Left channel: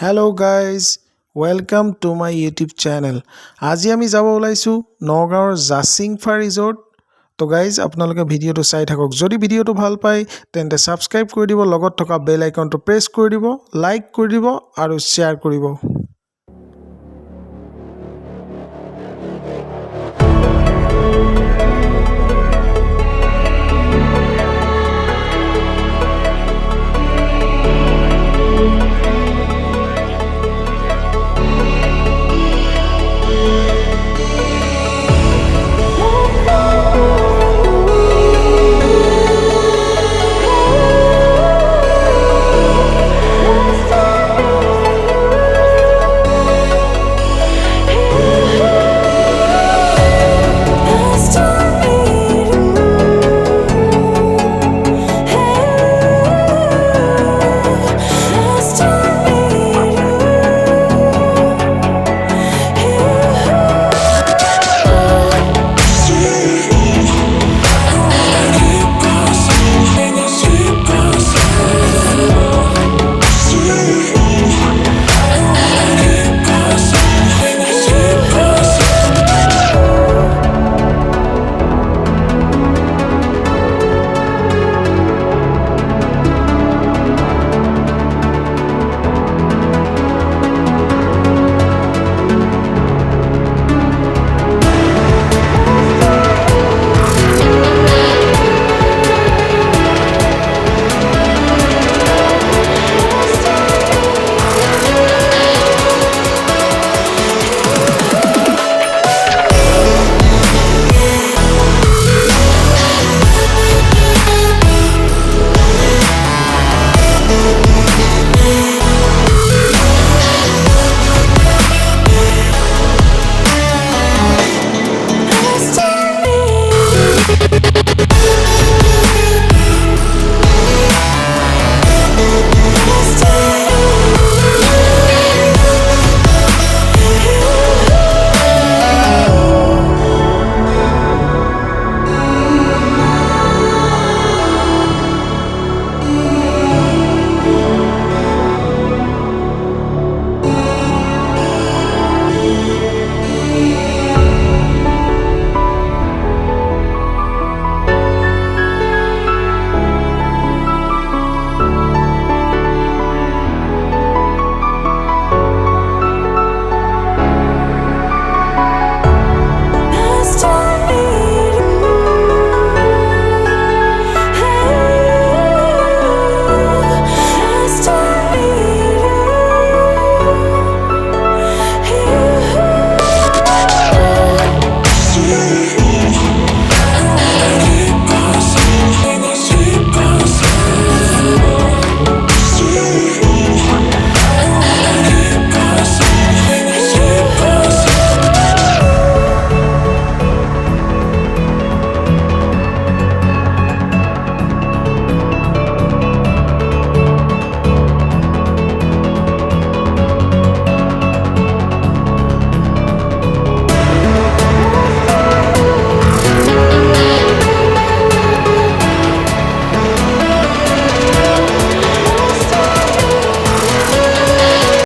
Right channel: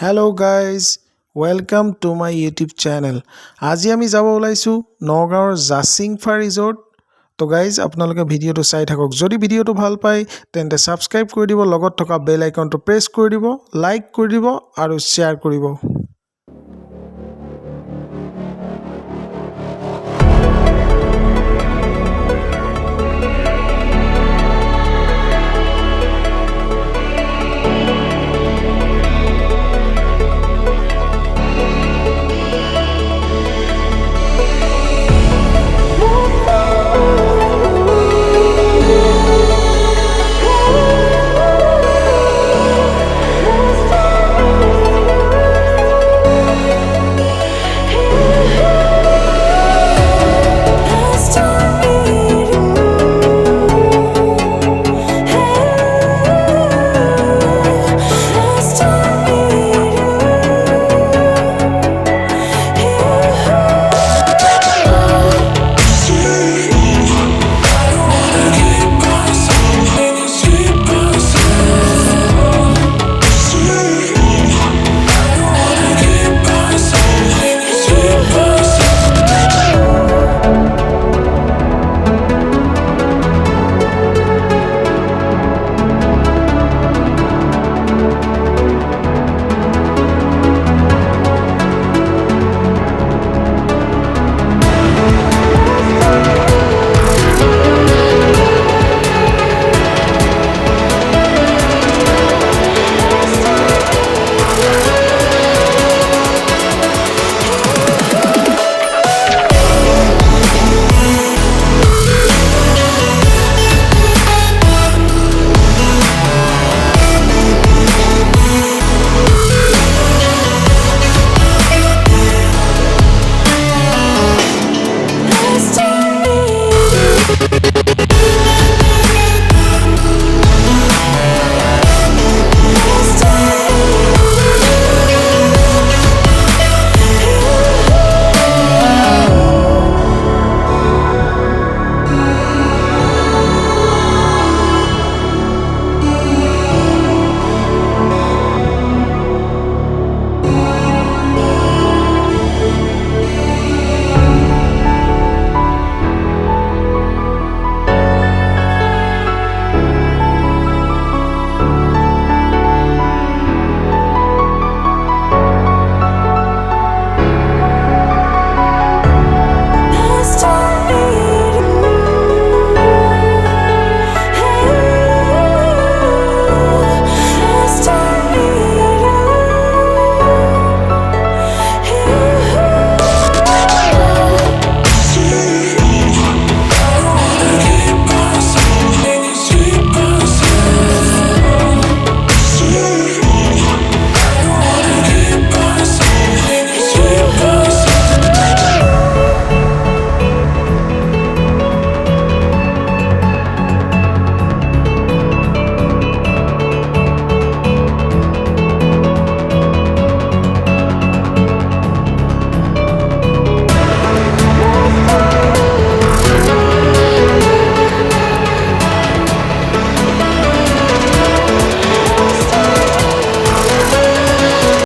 Hello guys, welcome to my YouTube channel. আজি আমি যাব ওলাইছো নগাঁৱৰ জাচিংফা ৰিজৰ্ট। তো গাইজ আপোনালোকে ভিডিঅ'টো চাই থাকক। যদি ভিডিঅ'টো ভাল পায় তেন্তে সাবস্ক্ৰাইব কৰি দিব, লগত থকা বেল আইকনটো প্ৰেছ কৰি দিব, লাইক কৰি দিব আৰু শ্বেয়াৰ কৰিব।